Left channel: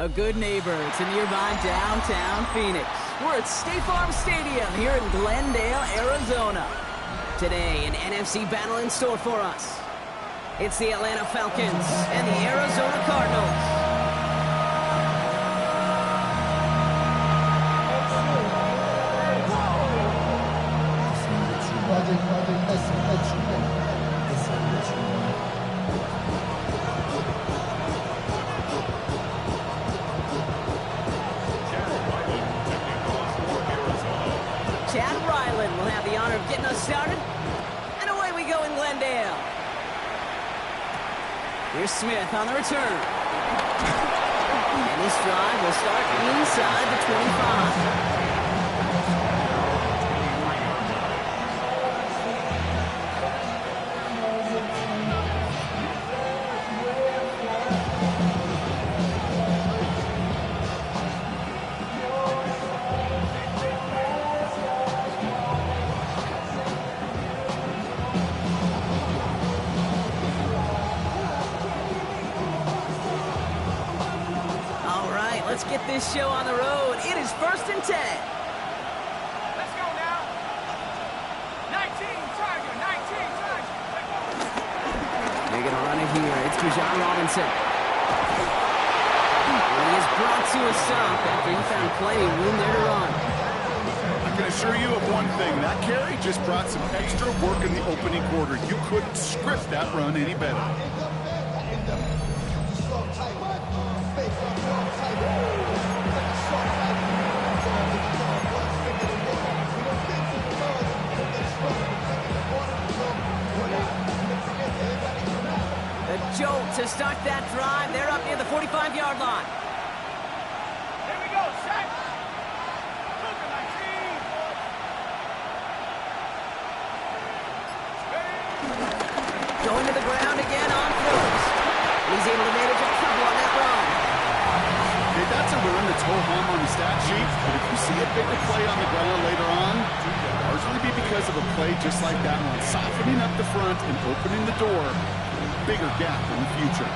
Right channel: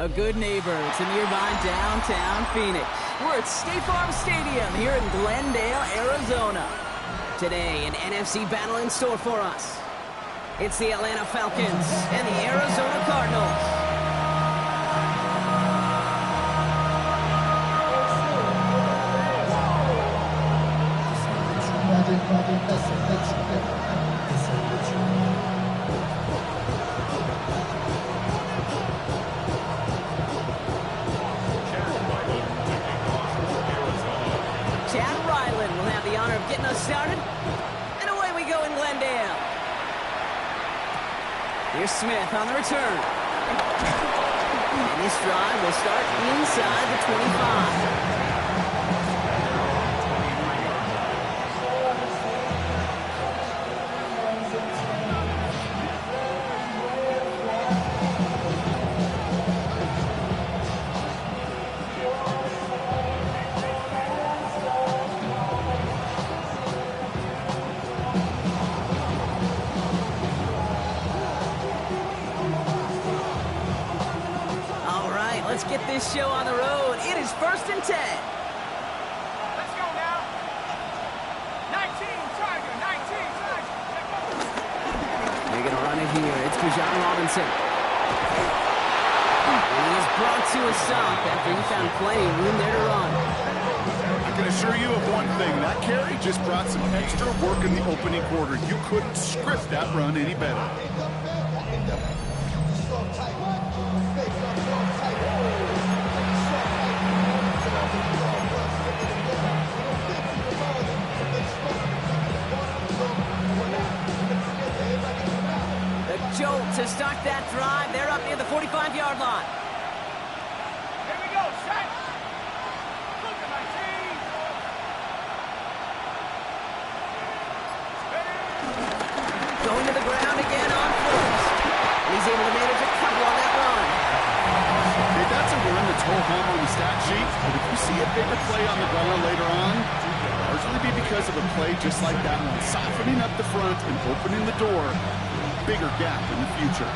A good neighbor to nearby downtown Phoenix. We're at State Farm Stadium here in Glendale, Arizona. Today, an NFC battle in store for us. It's the Atlanta Falcons and the Arizona Cardinals. Chad Ryland will have the honor of getting us started. And away we go in Glendale. Here's Smith on the return. And this drive will start inside the 25. Let's get this show on the road. It is 1st and 10. Let's go now. 19, Tiger, 19, Tiger. They're going to run it here. It's Bijan Robinson. And he is brought to a stop after he found plenty of room there to run. I can assure you of one thing. That carry just brought some extra work in the opening quarter. You couldn't script that run any better. A jolt to start that drive. They're up near the 45-yard line. Here we go, set. Look at my team. Going to the ground again on first. And he's able to manage a couple on that run. Okay, that's a run that's ho-hum on the stat sheet, but if you see a bigger play on the ground later on, it'll largely be because of a play just like that one, softening up the front and opening the door. Bigger gap in the future.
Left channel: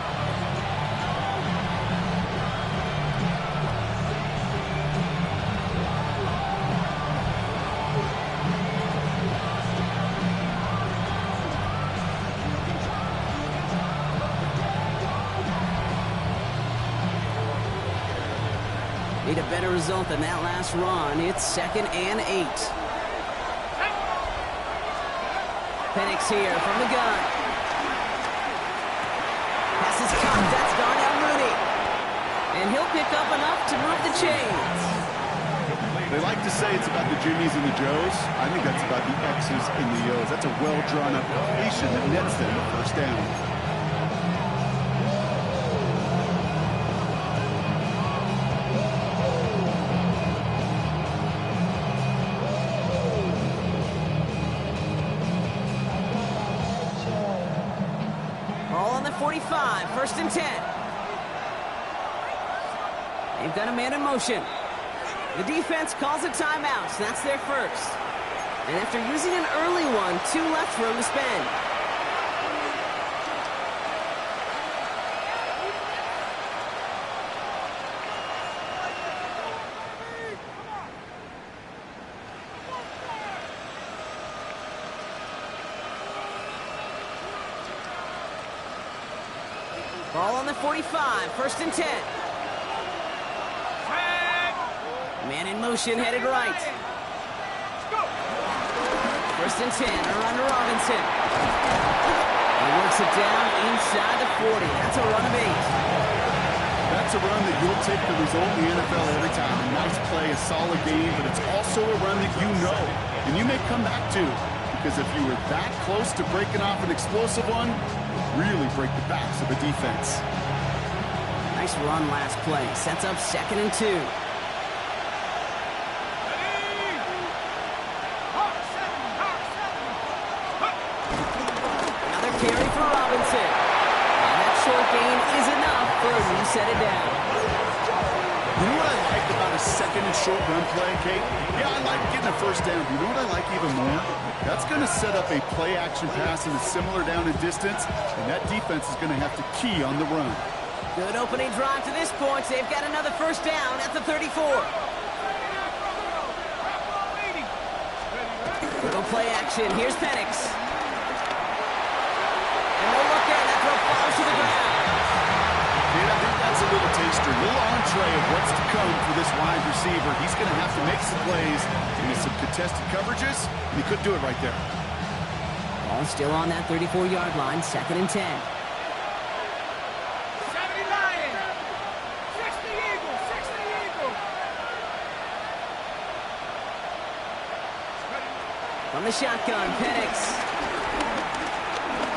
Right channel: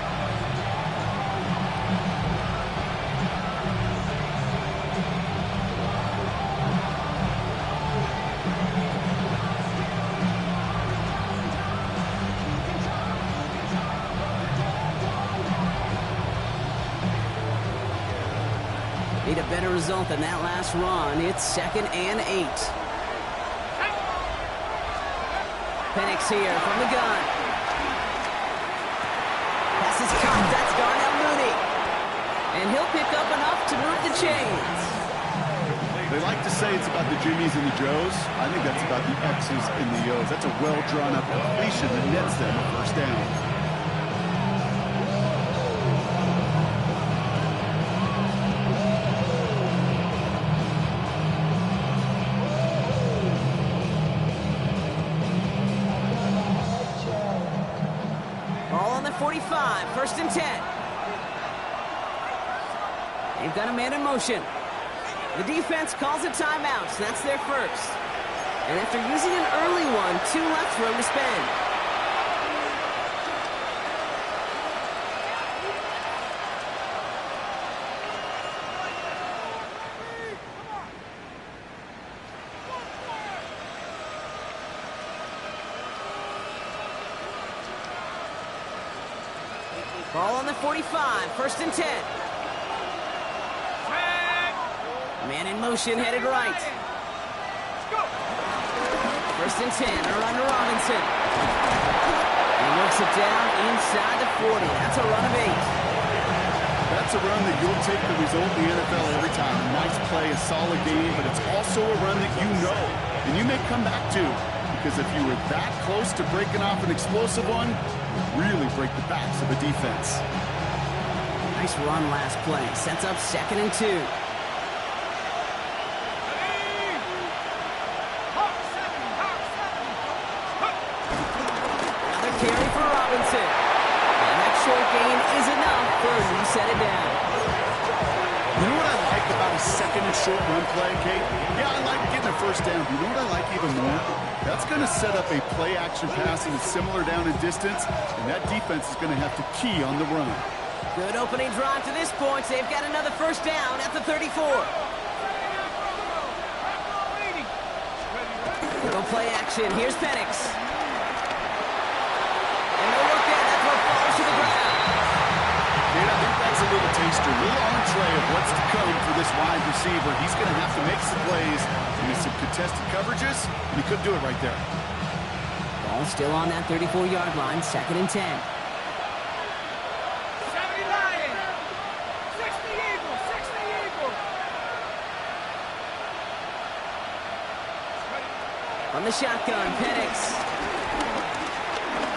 Need a better result than that last run. It's 2nd and 8. Penix here from the gun. Pass is caught. That's Darnell Mooney. And he'll pick up enough to move the chains. They like to say it's about the Jimmies and the Joes. I think that's about the X's and the O's. That's a well-drawn-up completion that nets them a first down. Ball on the 45, 1st and 10. They've got a man in motion. The defense calls a timeout, so that's their first. And after using an early one, 2 left for him to spend. Ball on the 45, 1st and 10. Man in motion, headed right. 1st and 10, a run to Robinson. He works it down inside the 40. That's a run of 8. That's a run that you'll take the result in the NFL every time. A nice play, a solid game, but it's also a run that you know and you may come back to. Because if you were that close to breaking off an explosive one, really break the backs of a defense. Nice run last play. Sets up 2nd and 2. Another carry for Robinson. And that short gain is enough for a new set it down. You know what I like about a 2nd and short run play, Kate? Yeah, I like getting a first down. But you know what I like even more? That's going to set up a play-action pass in a similar down and distance, and that defense is going to have to key on the run. Good opening drive to this point. They've got another first down at the 34. Little play action. Here's Penix. And no look in. That throw falls to the ground. And I think that's a little taster, a little entree of what's to come for this wide receiver. He's going to have to make some plays into some contested coverages, and he couldn't do it right there. Ball still on that 34-yard line, 2nd and 10. 70 Lions, 60 Eagles, 60 Eagles. From the shotgun, Penix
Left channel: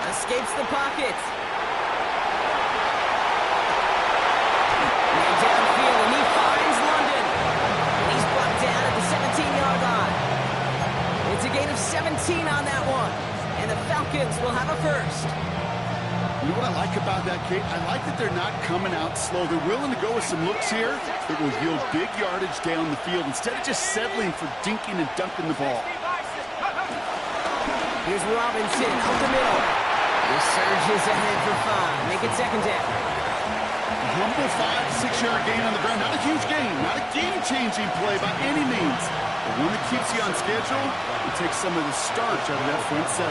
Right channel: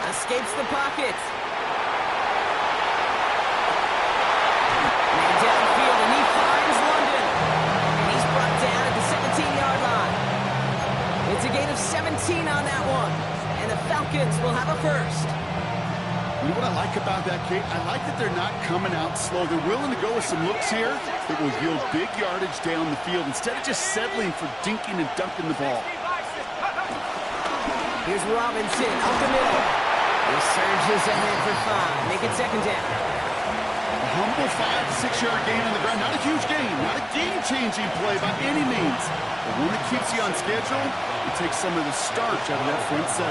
escapes the pocket. Man downfield, and he finds London. And he's brought down at the 17-yard line. It's a gain of 17 on that one. And the Falcons will have a first. You know what I like about that, Kate? I like that they're not coming out slow. They're willing to go with some looks here that will yield big yardage down the field instead of just settling for dinking and dunking the ball. Here's Robinson up the middle. He surges ahead for 5. Make it 2nd down. A humble 5-6-yard gain on the ground. Not a huge gain. Not a game-changing play by any means. But one that keeps you on schedule and takes some of the starch out of that front 7.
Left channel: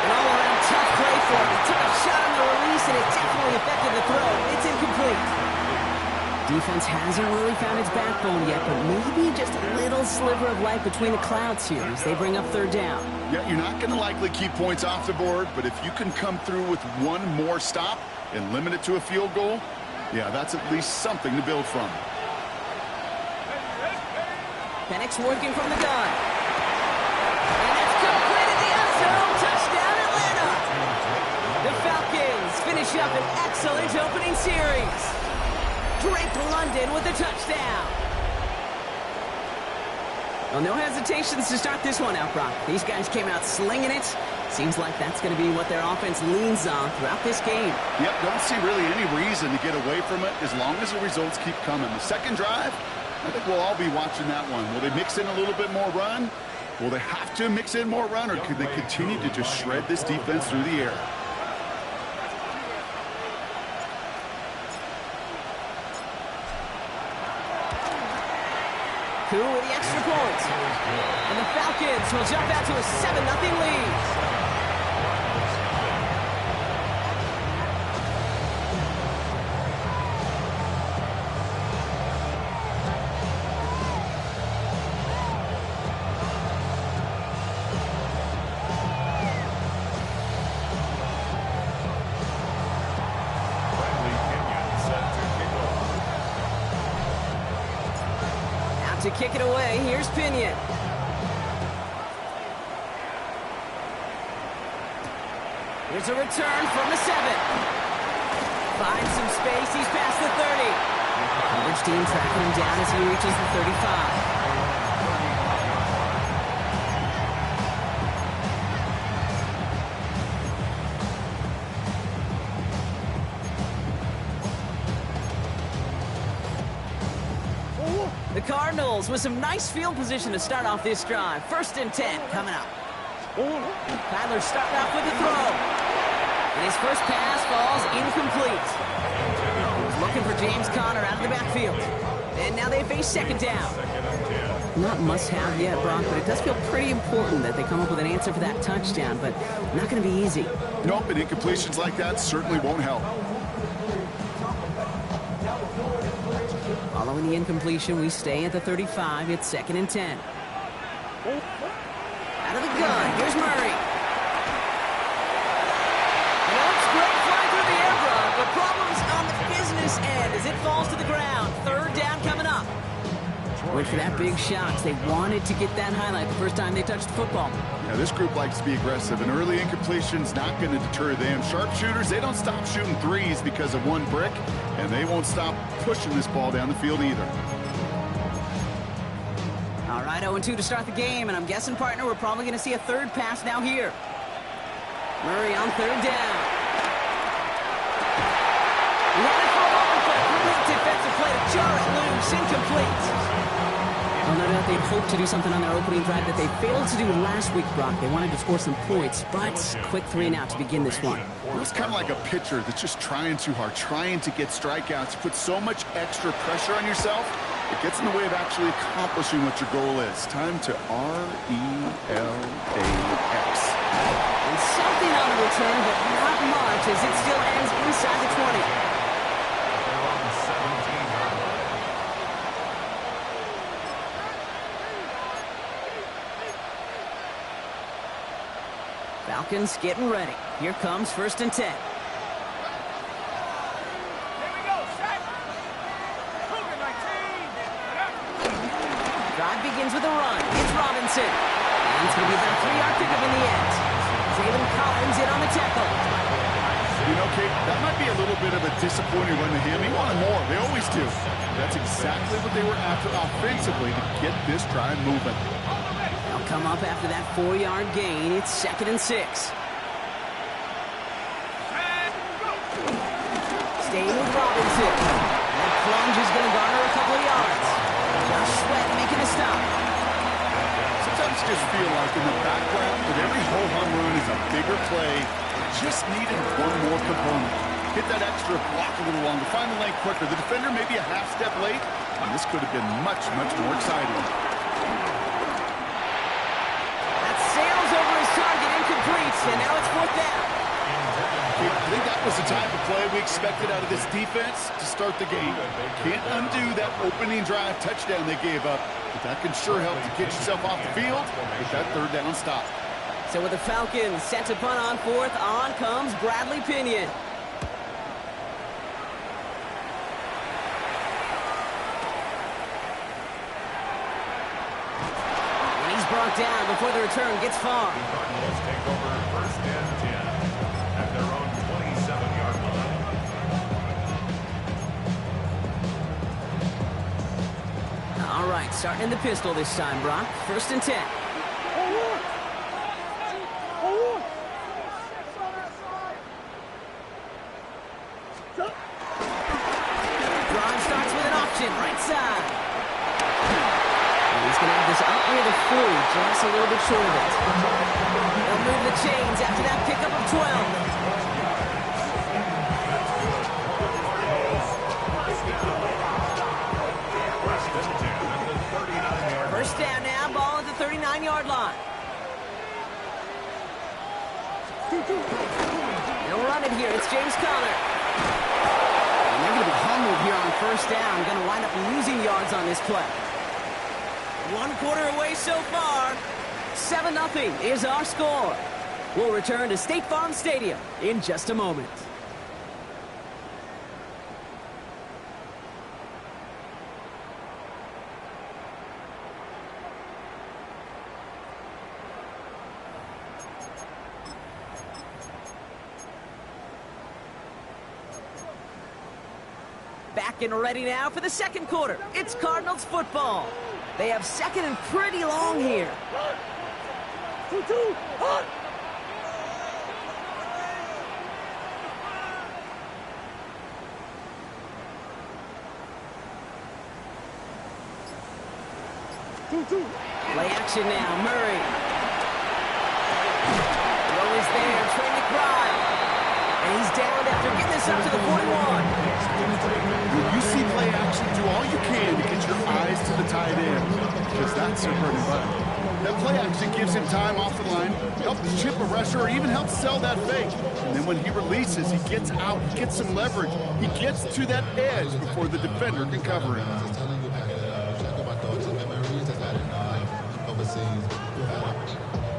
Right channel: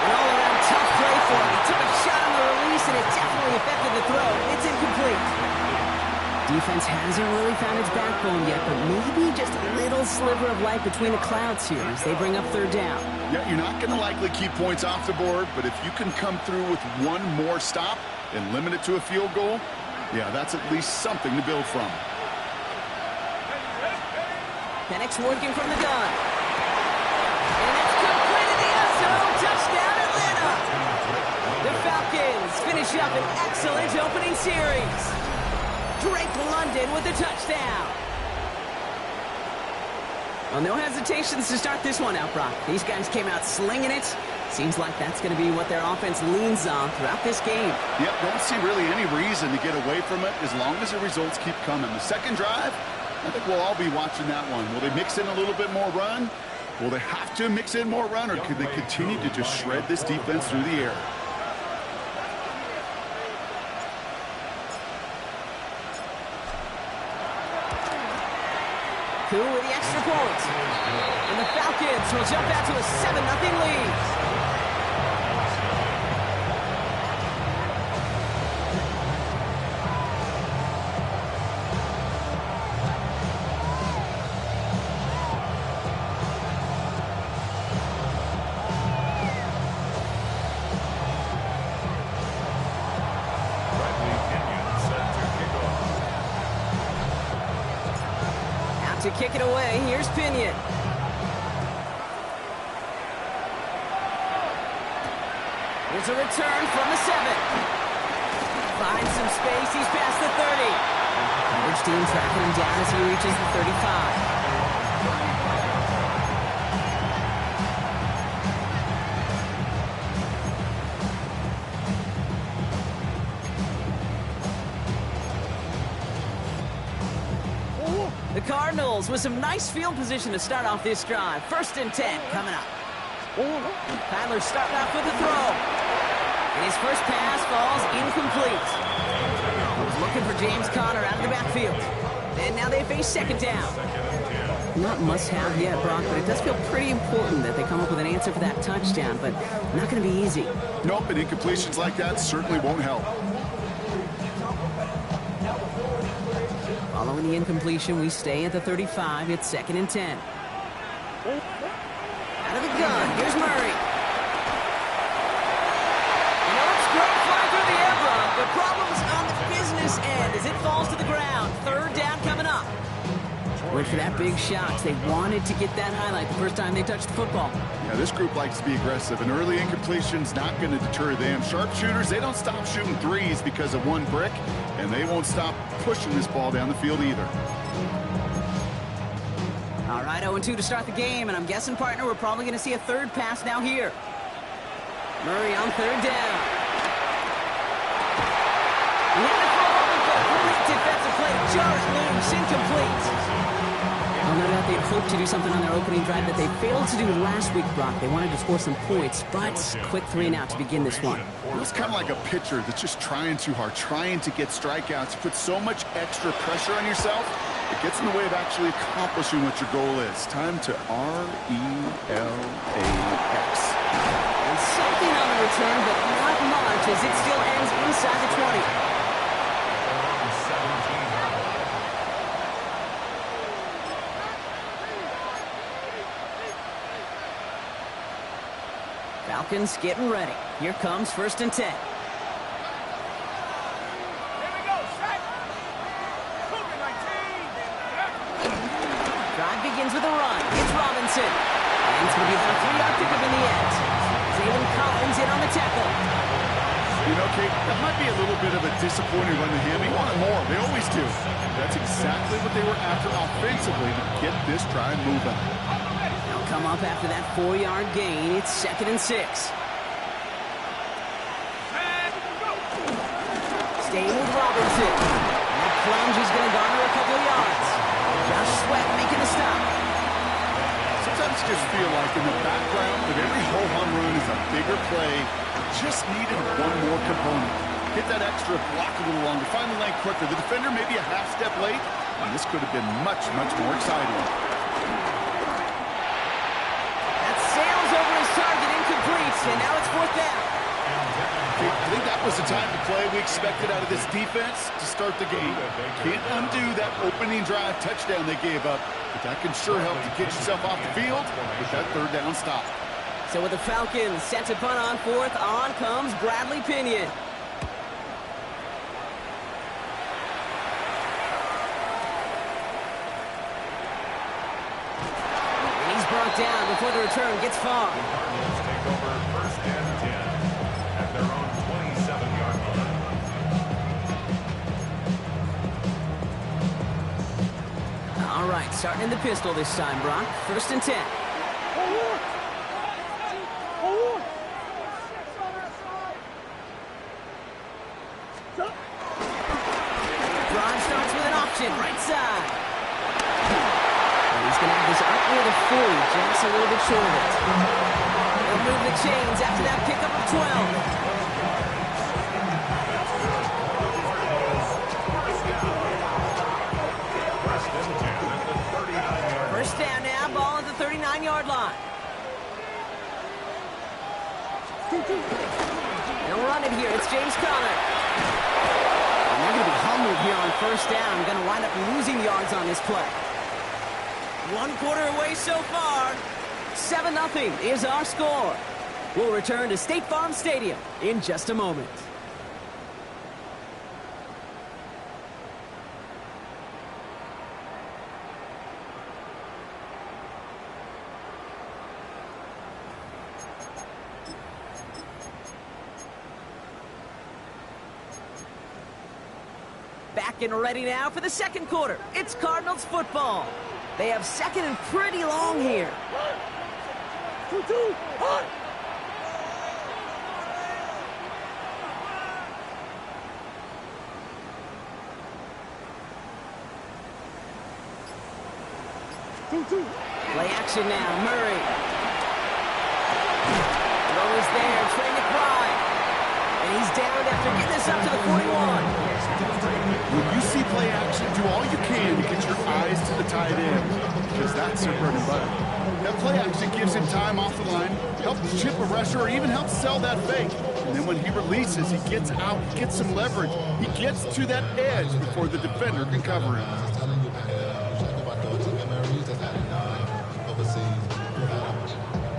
An all-around tough play for him. He took a shot on the release, and it definitely affected the throw. It's incomplete. Defense hasn't really found its backbone yet, but maybe just a little sliver of light between the clouds here as they bring up 3rd down. Yeah, you're not going to likely keep points off the board, but if you can come through with one more stop and limit it to a field goal, yeah, that's at least something to build from. Penix working from the gun. And it's completed the end zone. Touchdown, Atlanta. The Falcons finish up an excellent opening series. Drake London with a touchdown. Well, no hesitations to start this one out, Brock. These guys came out slinging it. Seems like that's going to be what their offense leans on throughout this game. Yep, don't see really any reason to get away from it as long as the results keep coming. The second drive, I think we'll all be watching that one. Will they mix in a little bit more run? Will they have to mix in more run, or could they continue to just shred this defense through the air? Coup with the extra point. And the Falcons will jump out to a 7-0 lead. To kick it away, here's Pinion. Here's a return from the 7. Finds some space, he's past the 30. Coverage team tracking him down as he reaches the 35. The Cardinals with some nice field position to start off this drive. 1st and 10 coming up. Kyler starting off with the throw. And his first pass falls incomplete. He was looking for James Conner out of the backfield. And now they face 2nd down. Not must-have yet, Brock, but it does feel pretty important that they come up with an answer for that touchdown, but not going to be easy. Nope, and incompletions like that certainly won't help. Following the incompletion, we stay at the 35. It's 2nd and 10. Out of the gun, here's Murray. And it looks great flying through the air, Brock, but problems on the business end as it falls to the ground. 3rd down coming up. Went for that big shot. They wanted to get that highlight the first time they touched the football. Yeah, this group likes to be aggressive, and early incompletion's not going to deter them. Sharpshooters, they don't stop shooting threes because of one brick, and they won't stop pushing this ball down the field either. All right, 0-2 to start the game, and I'm guessing, partner, we're probably going to see a 3rd pass now here. Murray on 3rd down. He had it for a moment, but a complete defensive play to jar it loose. Incomplete. Well, no doubt they'd hoped to do something on their opening drive that they failed to do last week, Brock. They wanted to score some points, but quick 3-and-out to begin this one. Well, it's kind of like a pitcher that's just trying too hard, trying to get strikeouts. You put so much extra pressure on yourself, it gets in the way of actually accomplishing what your goal is. Time to RELAX. And something on the return, but not much, as it still ends inside the 20. Falcons getting ready. Here comes 1st and 10. Here we go, set. Cougar 19. Drive begins with a run. It's Robinson. And it's going to be about a 3-yard pickup in the end. Zaylen Collins in on the tackle. You know, Kate, that might be a little bit of a disappointing run to him. He wanted more. They always do. That's exactly what they were after offensively to get this drive moving. They'll come up after that 4-yard gain. It's 2nd and 6. Staying with Robinson. And that plunge is going to garner a couple of yards. Josh Sweat making a stop. Sometimes just feel like in the background of every ho-hum run is a bigger play. Just needed one more component. Hit that extra block a little longer. Find the lane quicker. The defender maybe a half step late. And this could have been much, much more exciting. That sails over his target, incomplete. And now it's 4th down. I think that was the type of play we expected out of this defense to start the game. Can't undo that opening drive touchdown they gave up, but that can sure help to get yourself off the field with that 3rd down stop. So with the Falcons set to punt on 4th, on comes Bradley Pinion. And he's brought down before the return gets far. The Cardinals take over 1st and 10 at their own 27-yard line. All right, starting in the pistol this time, Brock. 1st and 10. Drive starts with an option, right side. And he's going to have this up near the 40, just a little bit short of it. They'll move the chains after that pickup of 12. That's good. Cardinals, 1st down. 1st and 10 at the 39-yard line. 1st down now, ball at the 39-yard line. They'll run it here. It's James Conner. And they're going to be humbled here on 1st down. Going to wind up losing yards on this play. 1 quarter away so far. 7-0 is our score. We'll return to State Farm Stadium in just a moment. Back and ready now for the 2nd quarter. It's Cardinals football. They have 2nd and pretty long here. 2-2, hot. Play action now, Murray. Throw is there, Trey McBride. And he's downed after getting this up to the 41. When you see play action, do all you can to get your eyes to the tight end, because that's their bread and butter. That play action gives him time off the line, helps chip a rusher, or even helps sell that fake. And then when he releases, he gets out, he gets some leverage. He gets to that edge before the defender can cover him.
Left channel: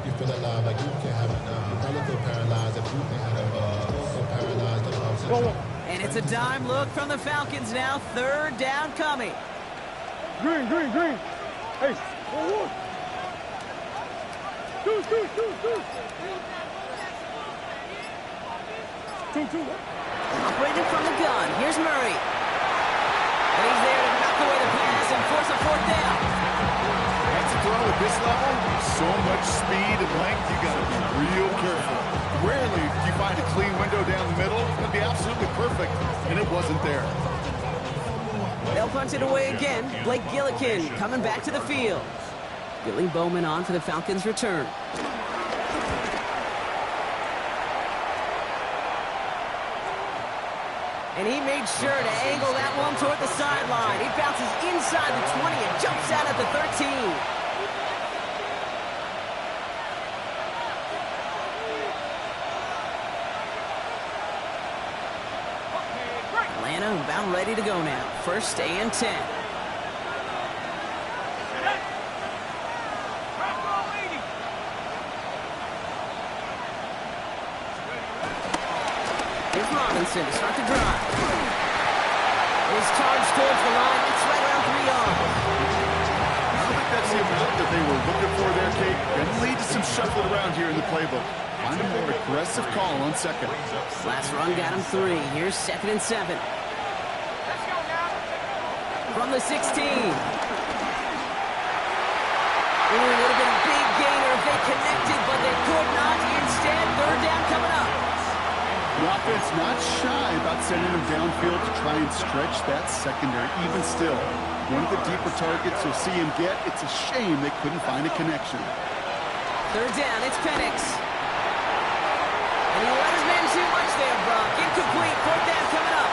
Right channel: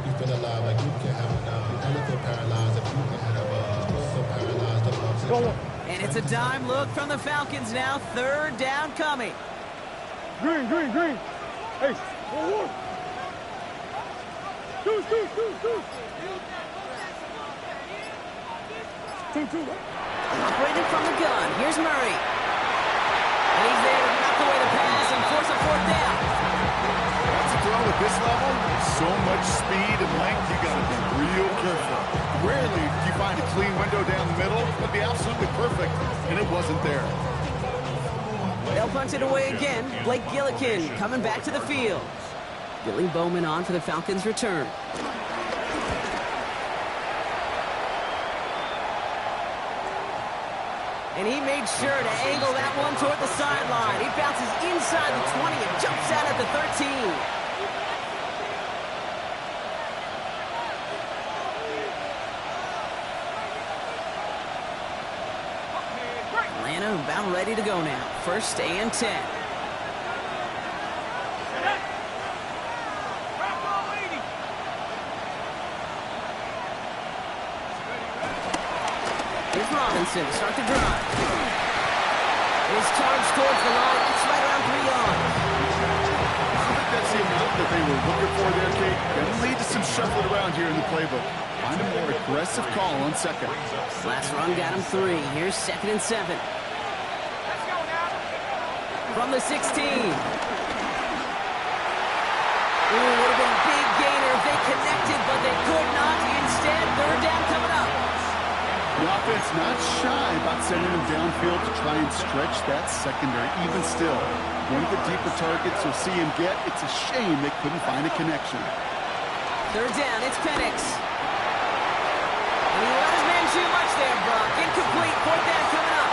You feel alive like you can't have enough. You probably feel paralyzed if you can't have enough. You feel paralyzed above. And it's a dime look from the Falcons now. 3rd down coming. Green. Hey, 1-1. Two. 2-2. Operating from the gun. Here's Murray. And he's there to knock away the pass and force a 4th down. That's a throw at this level. So much speed and length, you got to be real careful. Rarely do you find a clean window down the middle. It'd be absolutely perfect, and it wasn't there. They'll punch it away again. Blake Gillikin coming back to the field. Billy Bowman on for the Falcons return. And he made sure to angle that one toward the sideline. He bounces inside the 20 and jumps out at the 13. Atlanta about ready to go now. 1st and 10. Here's Robinson to start the drive. His charge towards the line. It's right around 3 yards. I don't think that's the amount that they were looking for there, Kate. Going to lead to some shuffling around here in the playbook. Find a more aggressive call on second. Last run got him 3. Here's 2nd and 7. From the 16. Ooh, would have been a big gainer if they connected, but they could not. Instead, 3rd down coming up. The offense not shy about sending them downfield to try and stretch that secondary. Even still, one of the deeper targets you'll see him get. It's a shame they couldn't find a connection. 3rd down, it's Penix. And he let his man too much there, Brock. Incomplete, 4th down coming up.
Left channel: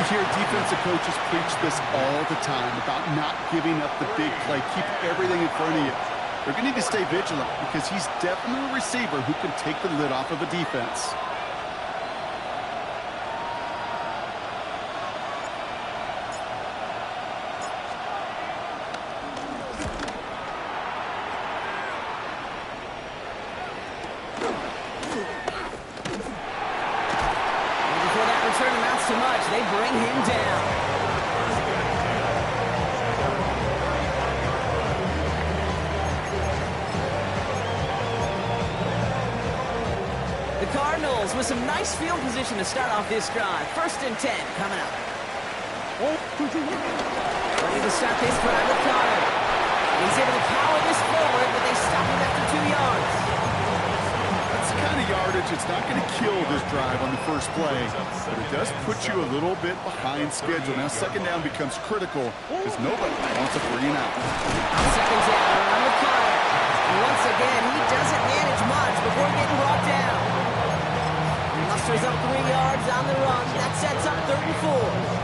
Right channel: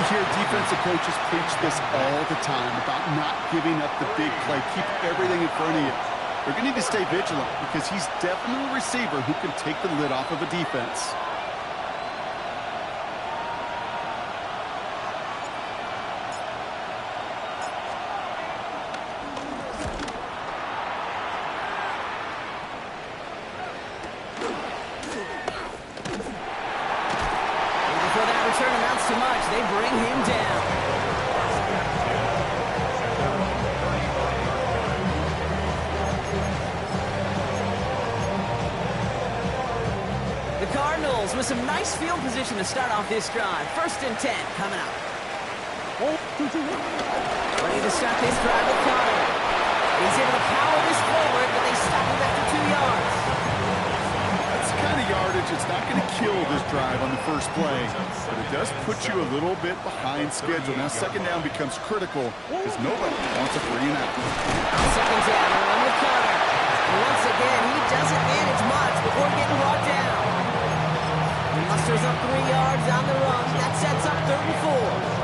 You hear defensive coaches preach this all the time about not giving up the big play. Keep everything in front of you. They're going to need to stay vigilant because he's definitely a receiver who can take the lid off of a defense. Return amounts to much. They bring him down. The Cardinals with some nice field position to start off this drive. 1st and 10 coming up. Ready to start this drive with Connor. He's able to power this forward, but they stop him after 2 yards. That's the kind of yardage it's not going to kill this drive on the first play, but it does put you a little bit behind schedule. Now 2nd down becomes critical because nobody wants a 3 and out. 2nd down, a run with Connor. And once again, he doesn't manage much before getting brought down. He musters up 3 yards on the run. That sets up 3rd and 4.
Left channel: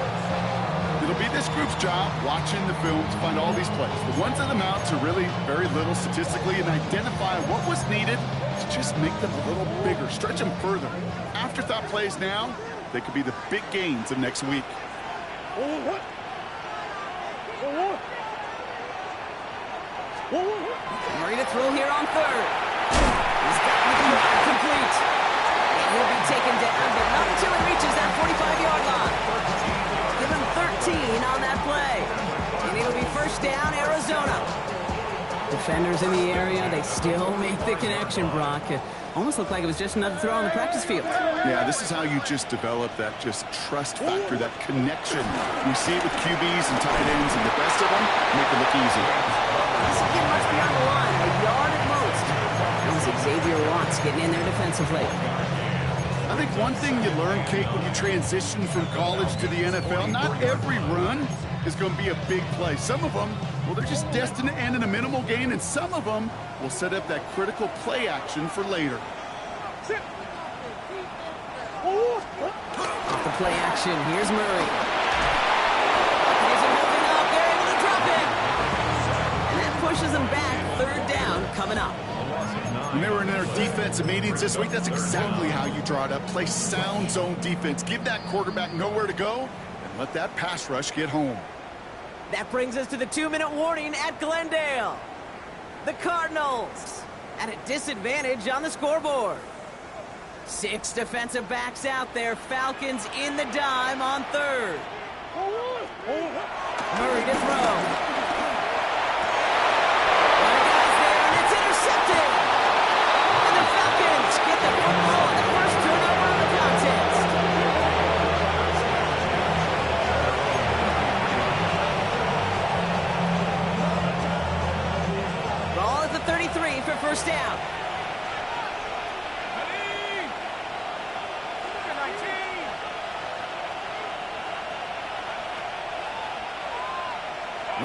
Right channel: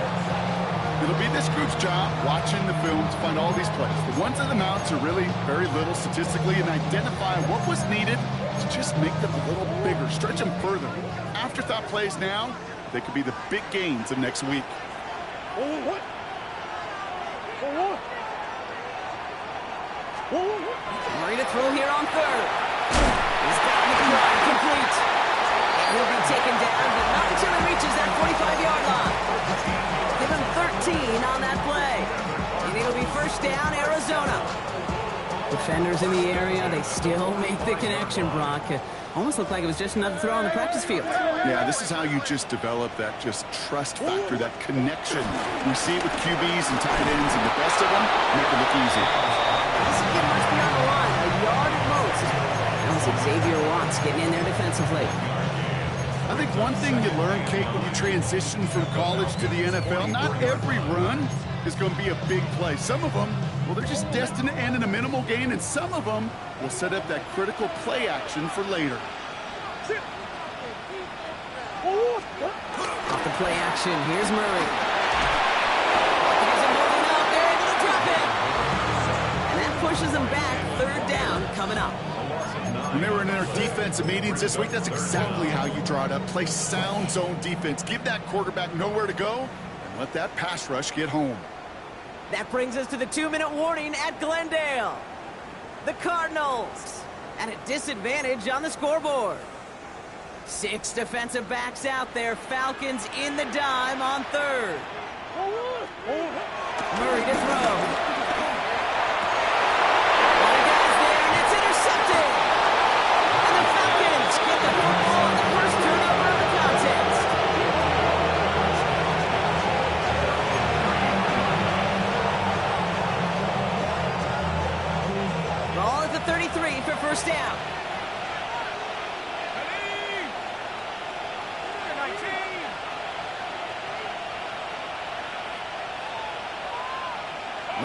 It'll be this group's job watching the film to find all these plays. The ones that amount to really very little statistically and identify what was needed to just make them a little bigger, stretch them further. Afterthought plays now, they could be the big gains of next week. Murray to throw here on 3rd. He's got McBride complete. And he'll be taken down, but not until he reaches that 45-yard line. Give him 13 on that play. And it'll be 1st down, Arizona. Defenders in the area, they still make the connection, Brock. Almost looked like it was just another throw on the practice field. Yeah, this is how you just develop that just trust factor, that connection. We see it with QBs and tight ends, and the best of them make it look easy. Doesn't get much beyond the line, a yard at most. That was Xavier Watts getting in there defensively. I think one thing you learn, Kate, when you transition from college to the NFL, not every run is going to be a big play. Some of them, well, they're just destined to end in a minimal gain, and some of them will set up that critical play action for later. Off the play action, here's Murray. Buccaneers are holding up, they're able to drop him. And that pushes them back, 3rd down coming up. When they were in their defensive meetings this week, that's exactly how you draw it up. Play sound zone defense. Give that quarterback nowhere to go, and let that pass rush get home. That brings us to the 2-minute warning at Glendale. The Cardinals at a disadvantage on the scoreboard. 6 defensive backs out there. Falcons in the dime on 3rd. Murray to throw. A lot of guys there, and it's intercepted. And the Falcons get the football on the first turnover of the contest. Ball at the 33 for 1st down.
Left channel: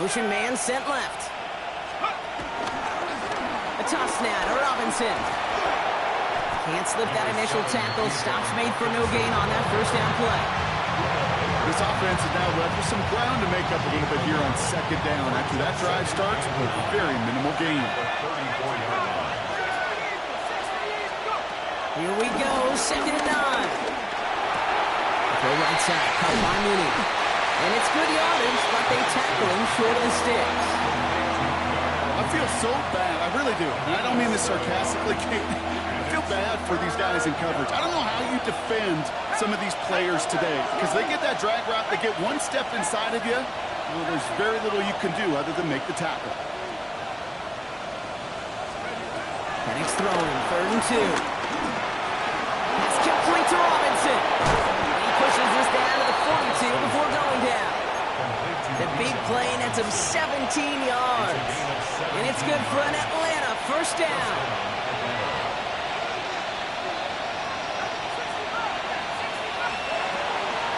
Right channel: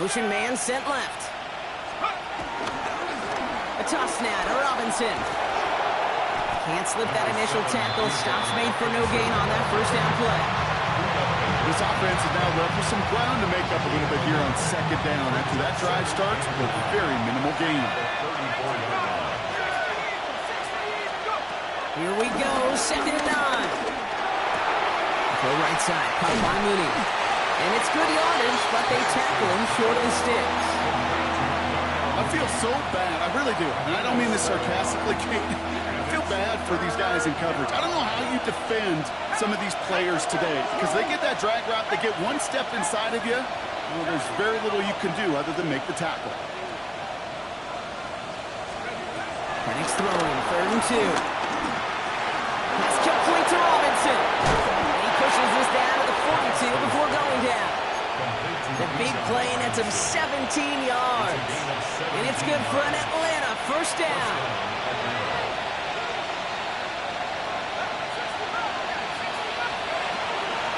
Motion man sent left. A toss now to Robinson. Can't slip that initial tackle. Stops made for no gain on that first down play. This offense is now left with some ground to make up a little bit here on second down after that drive starts with very minimal gain. Here we go, 2nd and 9. Throw right side, caught by Mooney. And it's good yardage, but they tackle him short of the sticks. I feel so bad, I really do. And I don't mean this sarcastically, Kate. I feel bad for these guys in coverage. I don't know how you defend some of these players today, because they get that drag route, they get one step inside of you. Well, there's very little you can do other than make the tackle. Penix throwing, 3rd and 2. Pass complete to Robinson. And he pushes this down to the 42 before going down. The big play nets him 17 yards. And it's good for an Atlanta first down.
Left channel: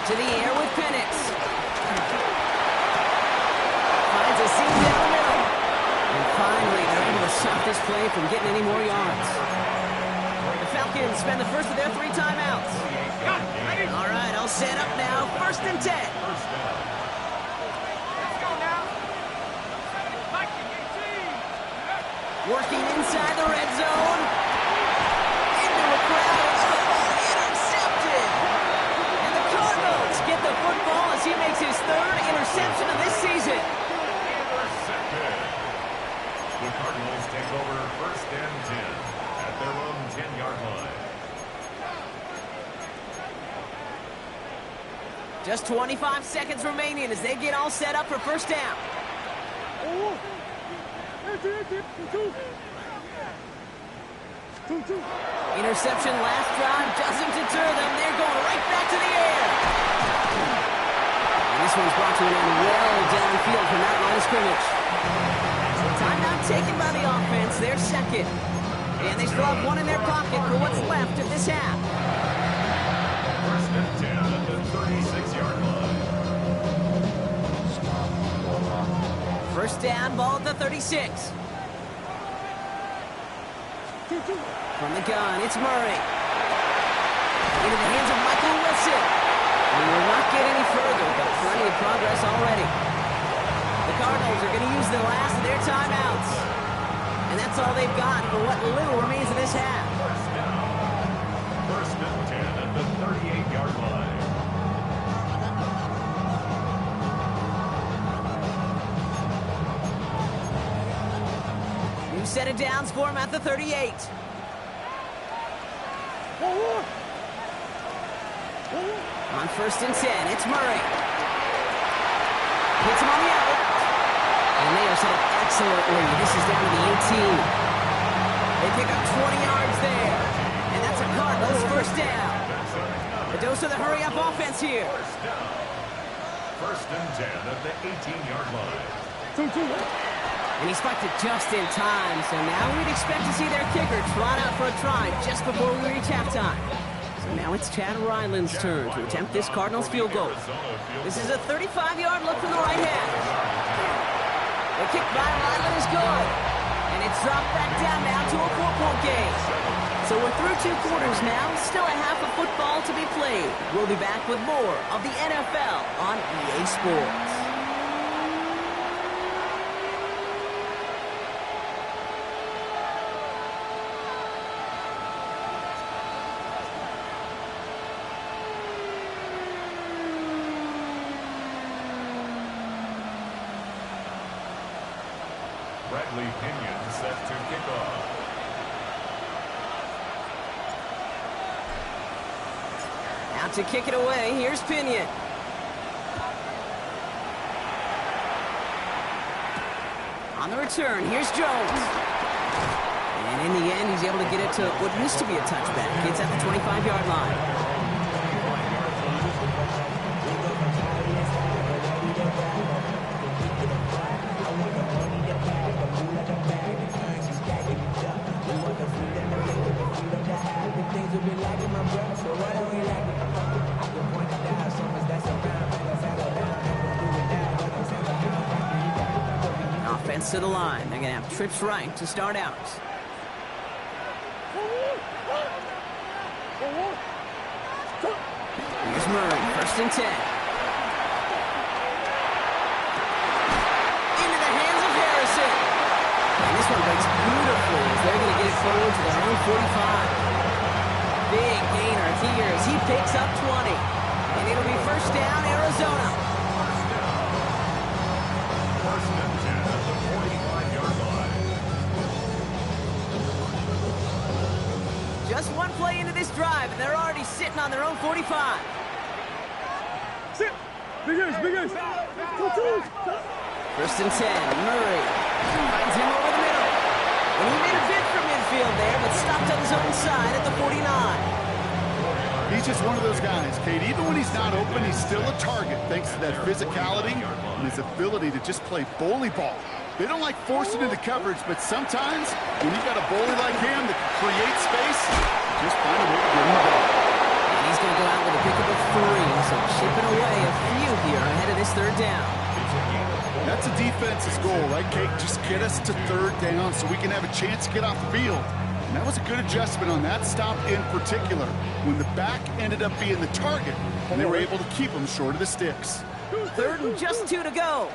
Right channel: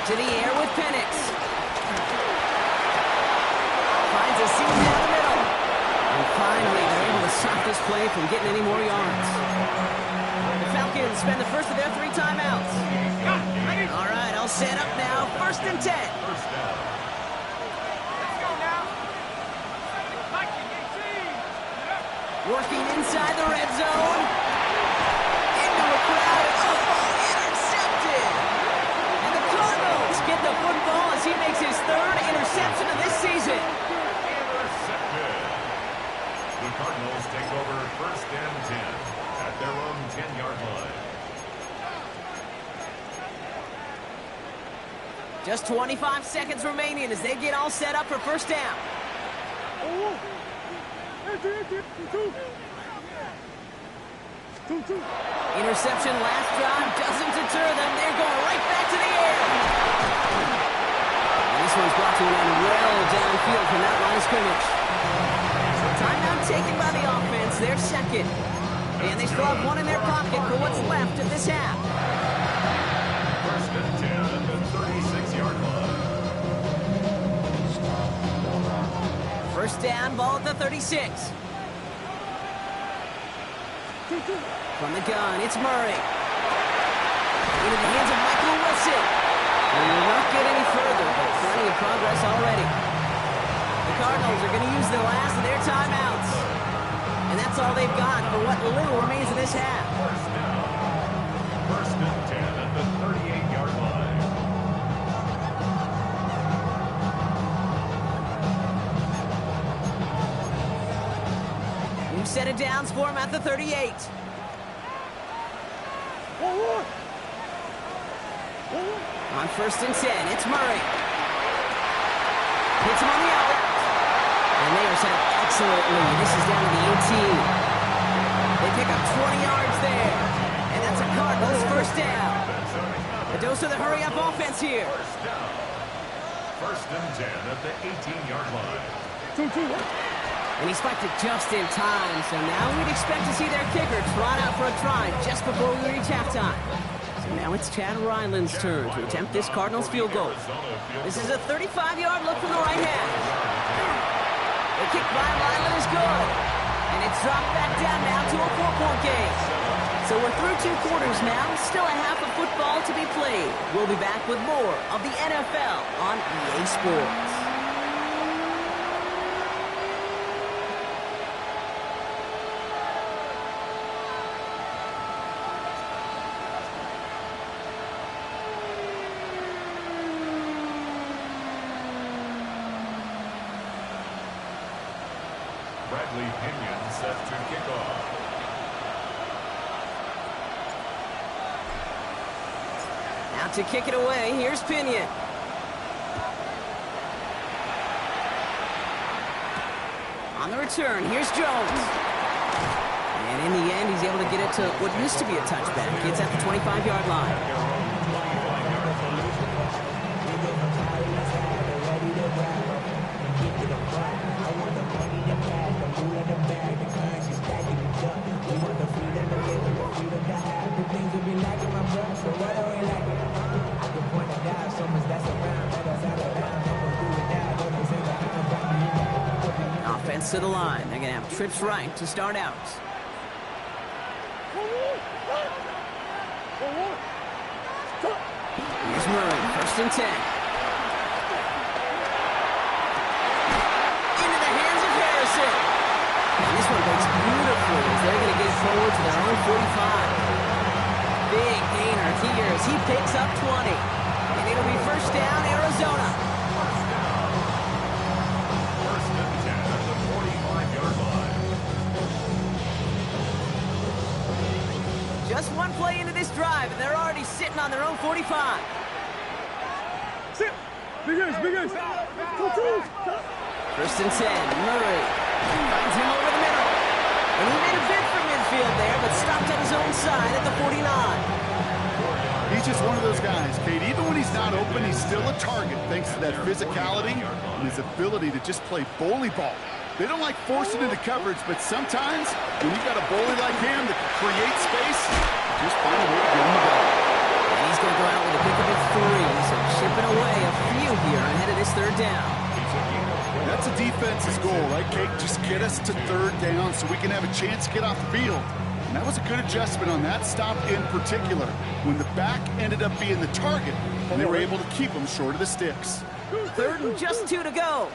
To the air with Penix. Finds a seam down the middle. And finally, they're able to stop this play from getting any more yards. The Falcons spend the first of their 3 timeouts. All right, all set up now. 1st and 10. Working inside the red zone. Into a crowd. Oh, intercepted. And the Cardinals get the football as he makes his 3rd interception of this season. Intercepted. The Cardinals take over 1st and 10 at their own 10-yard line. Just 25 seconds remaining as they get all set up for first down. Interception last drive doesn't deter them. They're going right back to the air. And this one's brought to an end well downfield from that line of scrimmage. Timeout taken by the offense. They're 2nd. And they still have 1 in their pocket for what's left of this half. 1st and 10 at the 36-yard line. First down, ball at the 36. From the gun, it's Murray. Into the hands of Michael Wilson. We will not get any further, but plenty of progress already. The Cardinals are going to use the last of their timeouts. And that's all they've got for what little remains of this half. 1st and 10 at the 38-yard line. New set of downs for him at the 38. On 1st and 10, it's Murray. Hits him on the out route. And they are set up excellently. This is down to the 18. They pick up 20 yards there. And that's a Cardinals first down. A dose of the hurry-up offense here. 1st and 10 at the 18-yard line. And he spiked it just in time. So now we'd expect to see their kicker trot out for a try just before we reach halftime. So now it's Chad Ryland's turn to attempt this Cardinals field goal. This is a 35-yard look from the right half. The kick by Ryland is good. And it's dropped back down now to a 4-point game. So we're through 2 quarters now. Still a half of football to be played. We'll be back with more of the NFL on EA Sports. Bradley Pinion set to kick off. Out to kick it away, here's Pinion. On the return, here's Jones. And in the end, he's able to get it to what used to be a touchback. It's at the 25-yard line. Things will be lacking my breath, so what are we lacking? I can point it out, so much that's around, let us settle down, and we'll do it now, don't they say the hound, back to you back. offense to the line. They're going to have trips right to start out. Here's Murray, 1st and 10. Into the hands of Harrison. And this one breaks beautifully as they're going to get it forward to their own 45. Big gainer here as he picks up 20. And it'll be 1st down, Arizona. First and 10 at the 45-yard line. Just one play into this drive, and they're already sitting on their own 45. Sit. Big ace, big ace. 1st and 10, Murray finds him over the middle. And he made a bid for midfield there, but stopped on his own side at the 49. He's just one of those guys, Kate. Even when he's not open, he's still a target thanks to that physicality and his ability to just play bully ball. They don't like forcing into coverage, but sometimes when you got a bully like him that can create space, just find a way to get him the ball. And he's going to go out with a pickup of 3, so chipping away a few here ahead of this 3rd down. That's a defense's goal, right, Kate? Just get us to 3rd down so we can have a chance to get off the field. And that was a good adjustment on that stop in particular, when the back ended up being the target, and they were able to keep him short of the sticks. 3rd and just 2 to go.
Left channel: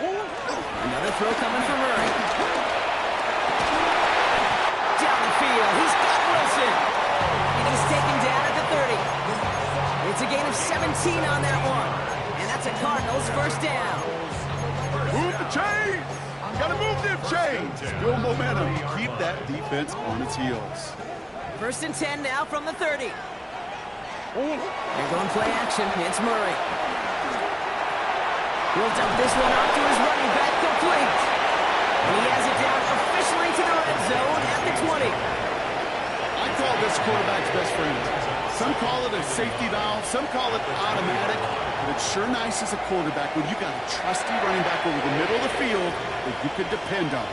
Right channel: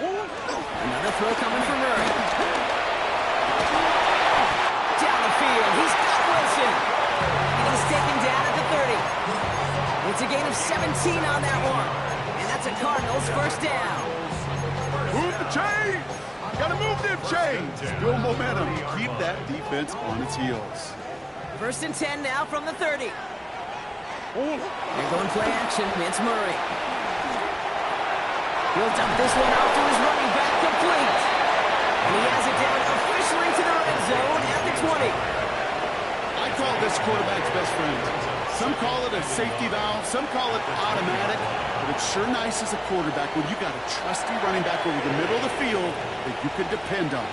Another throw coming from Murray. Down the field, he's got Wilson. And he's taken down at the 30. It's a gain of 17 on that one. And that's a Cardinals 1st down. Move the chains! Gotta move them chains! Build momentum. Keep that defense on its heels. 1st and 10 now from the 30. They're going play action. It's Murray. He'll dump this one off to his running back, complete. And he has it down officially to the red zone at the 20. I call this quarterback's best friend. Some call it a safety valve, some call it automatic, but it's sure nice as a quarterback when you got a trusty running back over the middle of the field that you can depend on.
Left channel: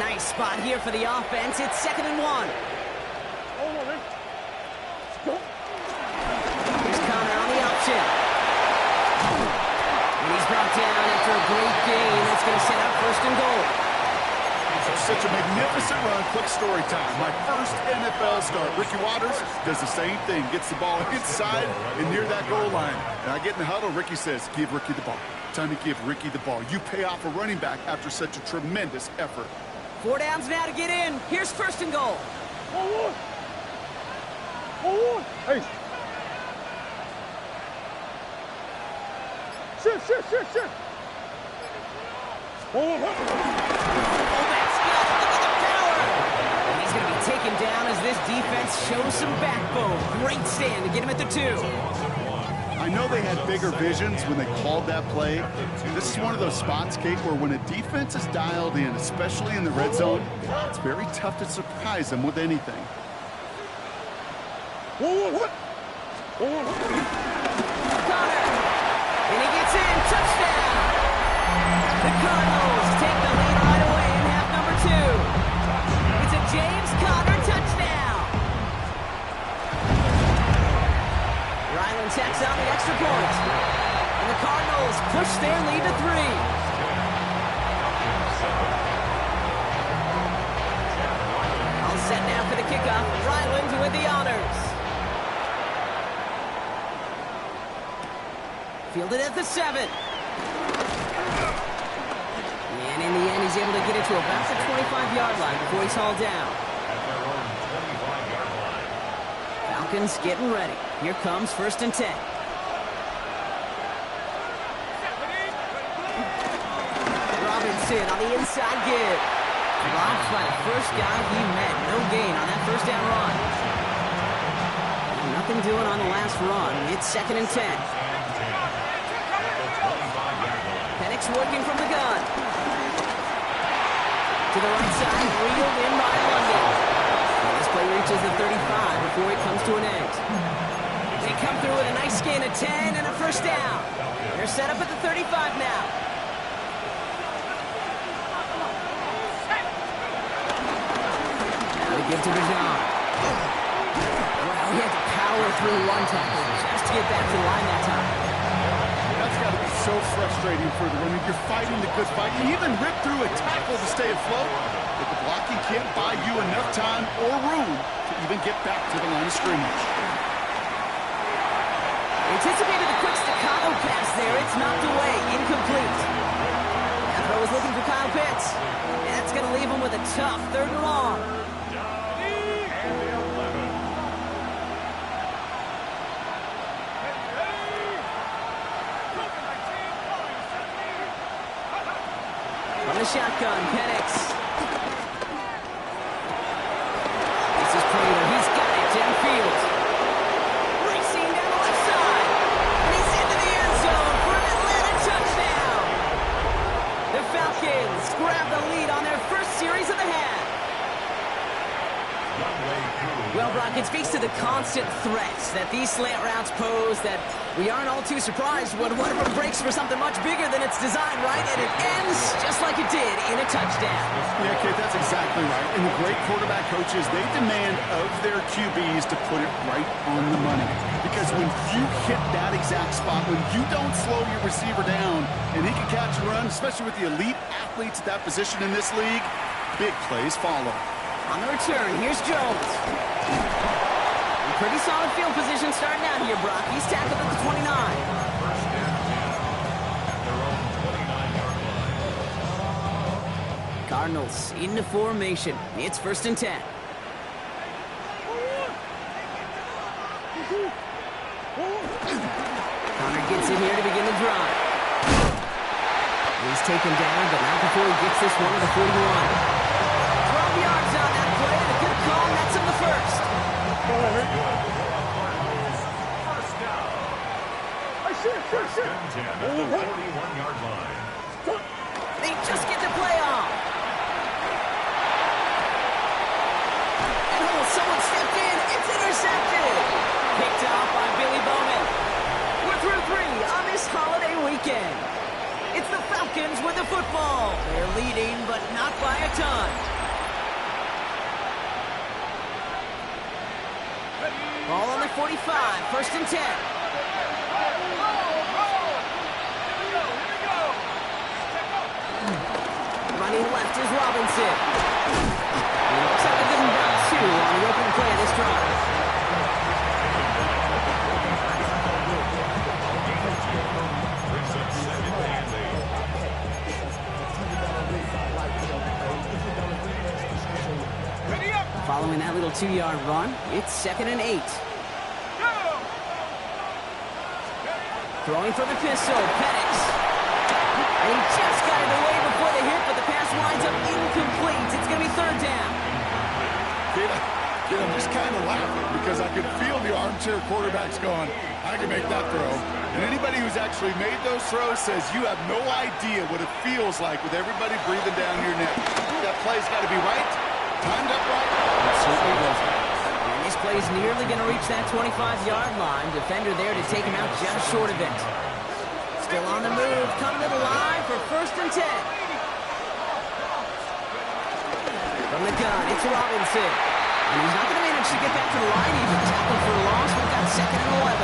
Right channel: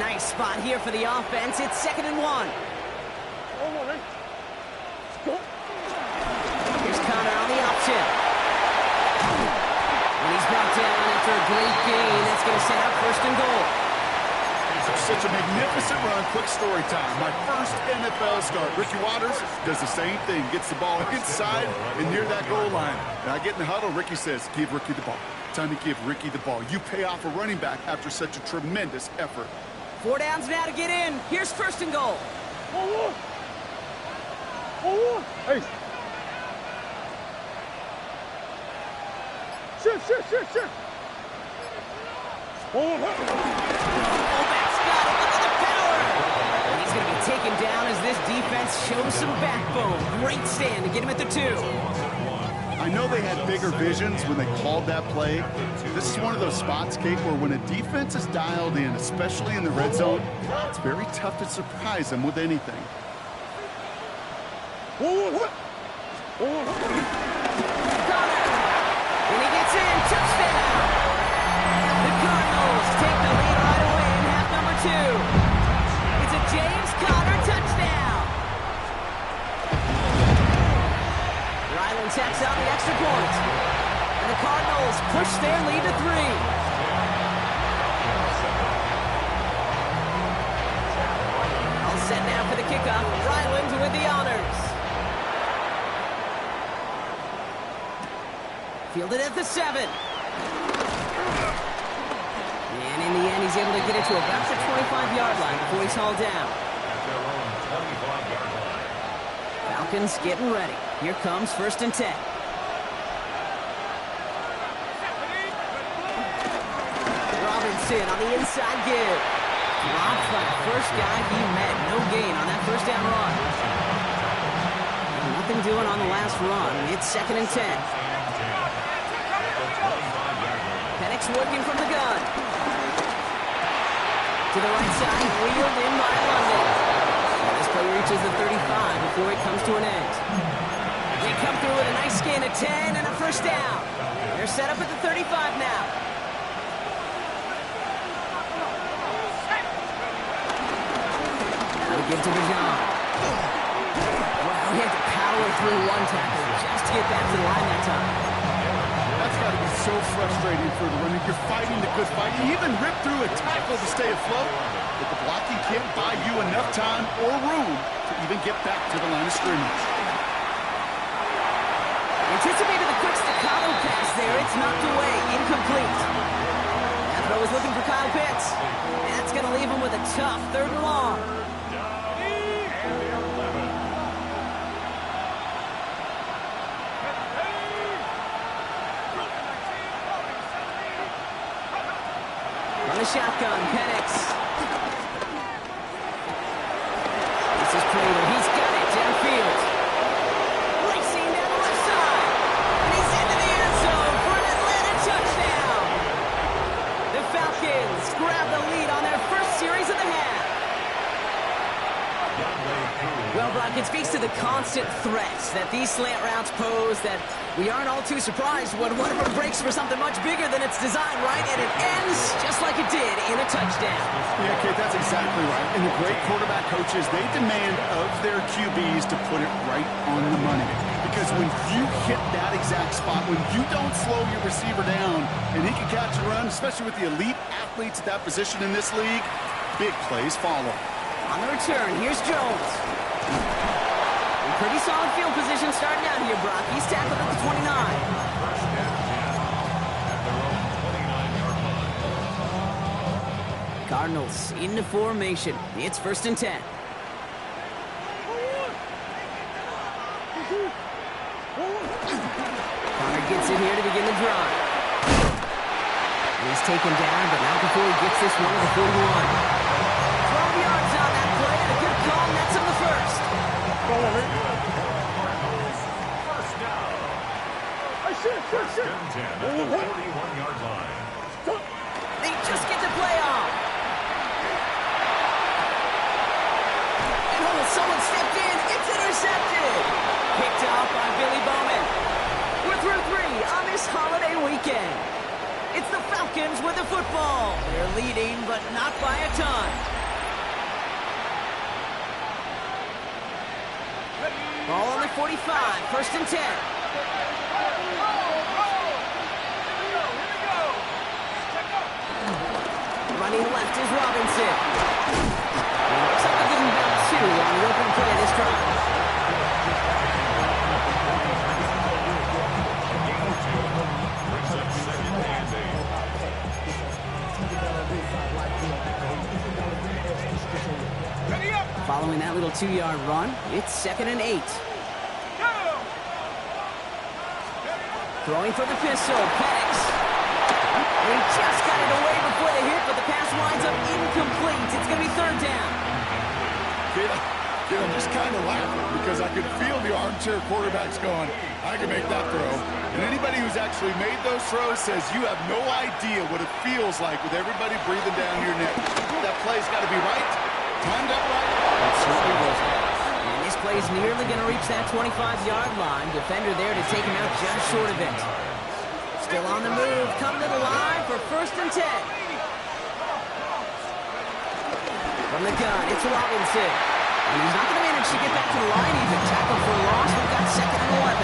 Nice spot here for the offense. It's 2nd and 1. Here's Connor on the option. And he's brought down after a great gain. That's going to set up 1st and goal. Such a magnificent run. Quick story time. My first NFL start. Ricky Watters does the same thing. Gets the ball inside and near that goal line. And I get in the huddle. Ricky says, give Ricky the ball. Time to give Ricky the ball. You pay off a running back after such a tremendous effort. 4 downs now to get in. Here's 1st and goal. Hey. Shift. Fullback's got it. Look at the power. And he's going to be taken down as this defense shows some backbone. Great stand to get him at the 2. I know they had bigger visions when they called that play. This is one of those spots, Kate, where when a defense is dialed in, especially in the red zone, it's very tough to surprise them with anything. Connor. And he gets in. Touchdown. The Cardinals take the lead right away in half number 2. It's a James Conner touchdown. Ryland tacks on the extra point. And the Cardinals push their lead to 3. All set now for the kickoff. Ryland with the honors. Fielded at the 7. And in the end, he's able to get it to about the 25-yard line before he's hauled down. At their own 25-yard line. Falcons getting ready. Here comes 1st and 10. Robinson on the inside give. Dropped by the first guy he met. No gain on that 1st down run. Nothing doing on the last run. It's 2nd and 10. Penix working from the gun. To the right side, reeled in by London. And this play reaches the 35 before it comes to an end. They come through with a nice gain of 10 and a 1st down. They're set up at the 35 now. Now to give to Bijan. Wow, he had to power through one tackle just to get back to the line that time. That's got to be so frustrating for the runner. You're fighting the good fight. You even rip through a tackle to stay afloat, but the blocking can't buy you enough time or room to even get back to the line of scrimmage. Anticipated the quick staccato pass there. It's knocked away. Incomplete. That throw is looking for Kyle Pitts. And that's going to leave him with a tough 3rd and long. From the shotgun, Penix. This is Prater. He's got it downfield. Racing down the left side. And he's into the end zone for an Atlanta touchdown. The Falcons grab the lead on their first series of the half. Well, Brock, it speaks to the constant threats that these slant routes pose, that we aren't all too surprised when one of them breaks for something much bigger than its design, right? And it ends just like it did in a touchdown. Yeah, Kate, that's exactly right. And the great quarterback coaches, they demand of their QBs to put it right on the money. Because when you hit that exact spot, when you don't slow your receiver down and he can catch and run, especially with the elite athletes at that position in this league, big plays follow. On the return, here's Jones. In pretty solid field position starting out here, Brock. He's tackled at the 29. First and 10 at their own 29-yard line. Cardinals into formation. It's 1st and 10. Connor gets it here to begin the drive. He's taken down, but not before he gets this one to the 41. 12 yards on that play, and a good call nets him the first. Cardinals, first down. First and 10 at the 41-yard line. They just get the play off. And someone stepped in. It's intercepted. Picked off by Billy Bowman. We're through 3 on this holiday weekend. It's the Falcons with the football. They're leading, but not by a ton. Ball on the 45, 1st and 10. Running left is Robinson. He looks like they're giving about 2 on the opening play of this drive. Brings up 2nd and 8. Following that little 2-yard run, it's 2nd and 8. Throwing for the pistol, Penix. And he just got it away before the hit, but the pass winds up incomplete. It's going to be 3rd down. Kid, I'm just kind of laughing because I could feel the armchair quarterbacks going, I can make that throw. And anybody who's actually made those throws says you have no idea what it feels like with everybody breathing down your neck. That play's got to be right, timed up right. It certainly wasn't. And this play's nearly going to reach that 25-yard line. Defender there to take him out just short of it. Still on the move, coming to the line for 1st and 10. From the gun, it's Robinson. And he's not going to manage to get back to the line even. Tackled for a loss. We've got 2nd and 11.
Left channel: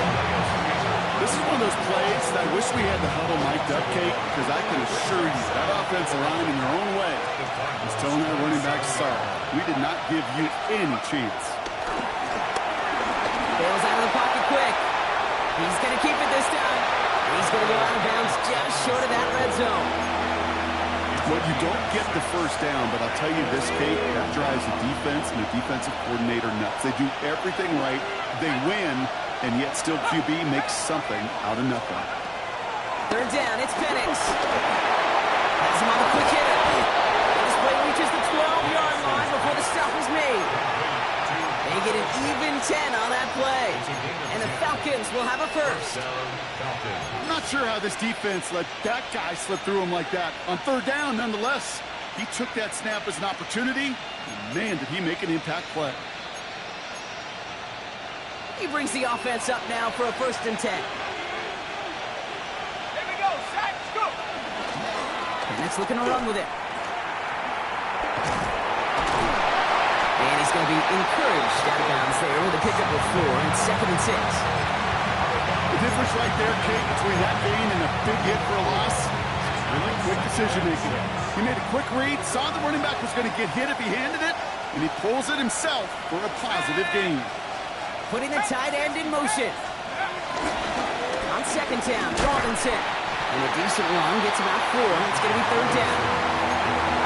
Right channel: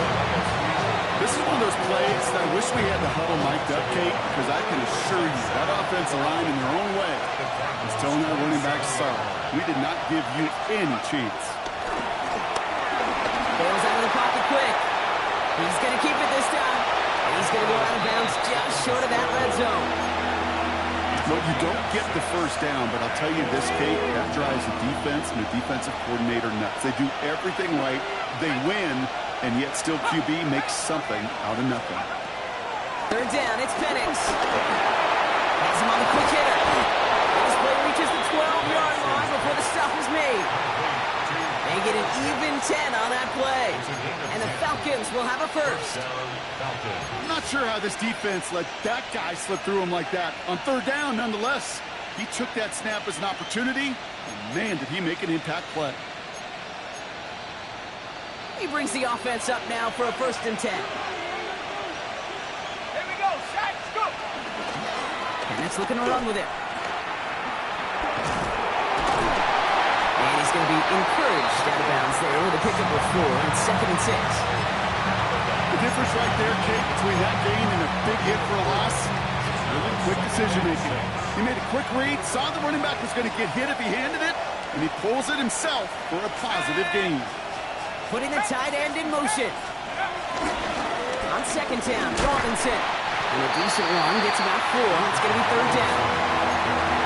This is one of those plays that I wish we had the huddle mic'd up, Kate, because I can assure you that offensive line in their own way is telling that running back, sorry, we did not give you any chance. Bails out of the pocket quick. He's going to keep it this time. And he's going to go out of bounds just short of that red zone. Well, you don't get the 1st down, but I'll tell you this, Kate, that drives the defense and the defensive coordinator nuts. They do everything right. They win, and yet still QB makes something out of nothing. 3rd down, it's Penix. Has him on the quick hitter. And this play reaches the 12-yard line before the stop is made. They get an even 10 on that play. And the Falcons will have a 1st. I'm not sure how this defense let that guy slip through him like that. On 3rd down, nonetheless, he took that snap as an opportunity, and man, did he make an impact play. He brings the offense up now for a 1st and 10. Here we go, sack, scoop. And that's looking to run with it. And he's going to be encouraged out of bounds there with a pickup of 4 and 2nd and 6. difference right there, Kate, between that gain and a big hit for a loss? Really quick decision-making. He made a quick read, saw the running back was going to get hit if he handed it, and he pulls it himself for a positive gain. Putting the tight end in motion. On second down, Robinson. And a decent run gets about 4. It's going to be third down.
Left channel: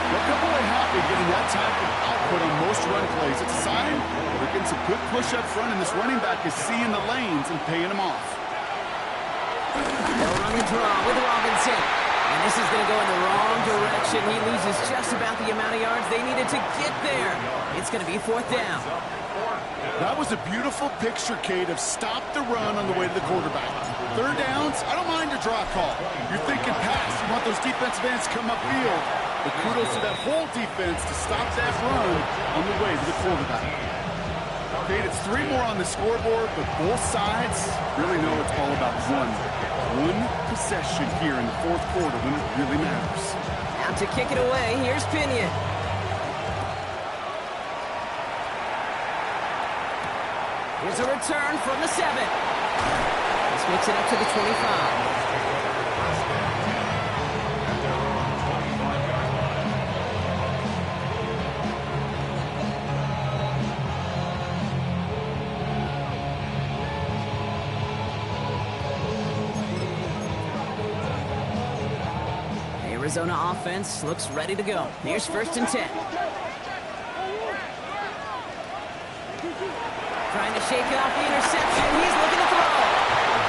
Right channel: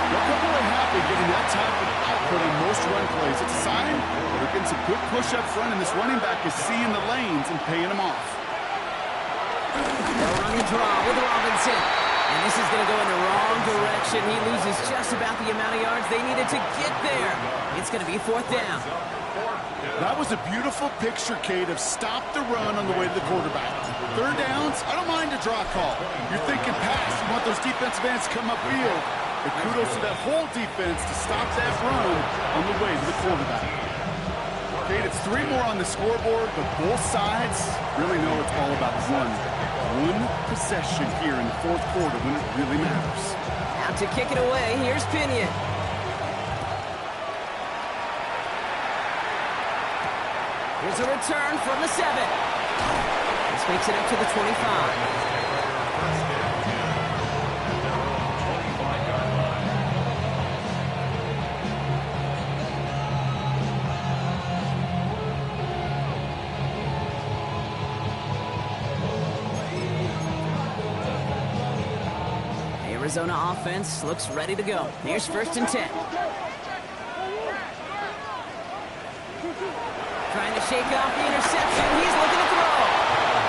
They'll come away happy getting that type of output on most run plays. It's a sign that they're getting some good push up front, and this running back is seeing the lanes and paying them off. They'll run the draw with Robinson. And this is going to go in the wrong direction. He loses just about the amount of yards they needed to get there. It's going to be fourth down. That was a beautiful picture, Kate, of stop the run on the way to the quarterback. Third downs, I don't mind a draw call. You're thinking pass. You want those defensive ends to come upfield. But kudos to that whole defense to stop that run on the way to the quarterback. Kate, it's 3 more on the scoreboard, but both sides really know it's all about one possession here in the fourth quarter when it really matters. Out to kick it away, here's Pinion. Here's a return from the 7. This makes it up to the 25. Arizona offense looks ready to go. Here's first and 10. Trying to shake off the interception. He's looking to throw.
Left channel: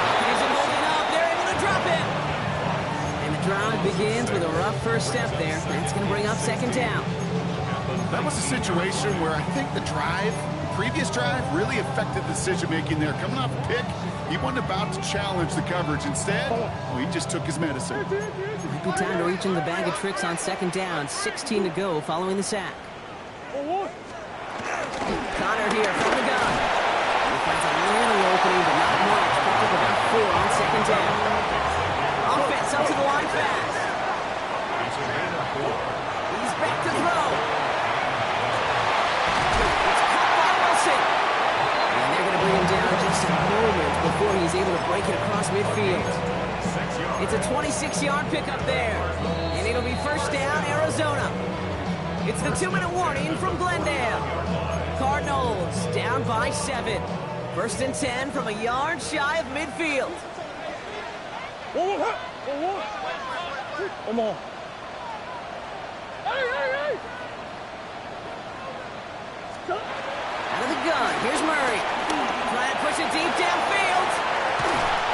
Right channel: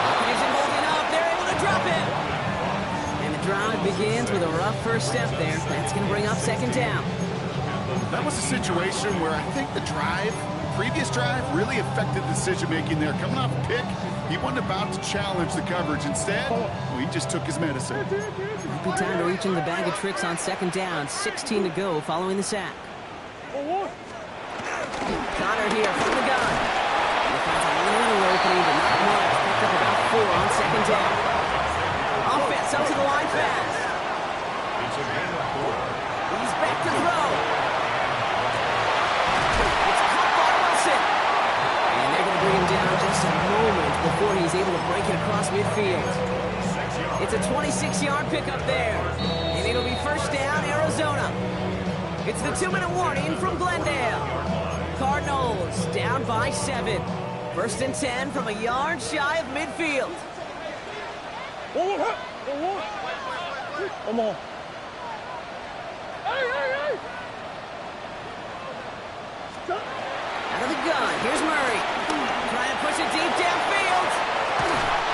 Opposition holding up. They're able to drop him. And the drive begins with a rough first step there. That's going to bring up second down. That was a situation where I think the previous drive, really affected the decision-making there. Coming off a pick, he wasn't about to challenge the coverage. Instead, he just took his medicine. Might be time to reach in the bag of tricks on second down. 16 to go following the sack. Connor here from the gun. He finds a little opening, but not much. Picked up about 4 on second down. Offense up to the line fast. He's back to throw. It's caught by Wilson. And they're going to bring him down just a moment before he's able to break it across midfield. It's a 26-yard pickup there. And it'll be first down, Arizona. It's the 2-minute warning from Glendale. Cardinals down by 7. First and 10 from a yard shy of midfield. Out of the gun, here's Murray. Trying to push it deep downfield.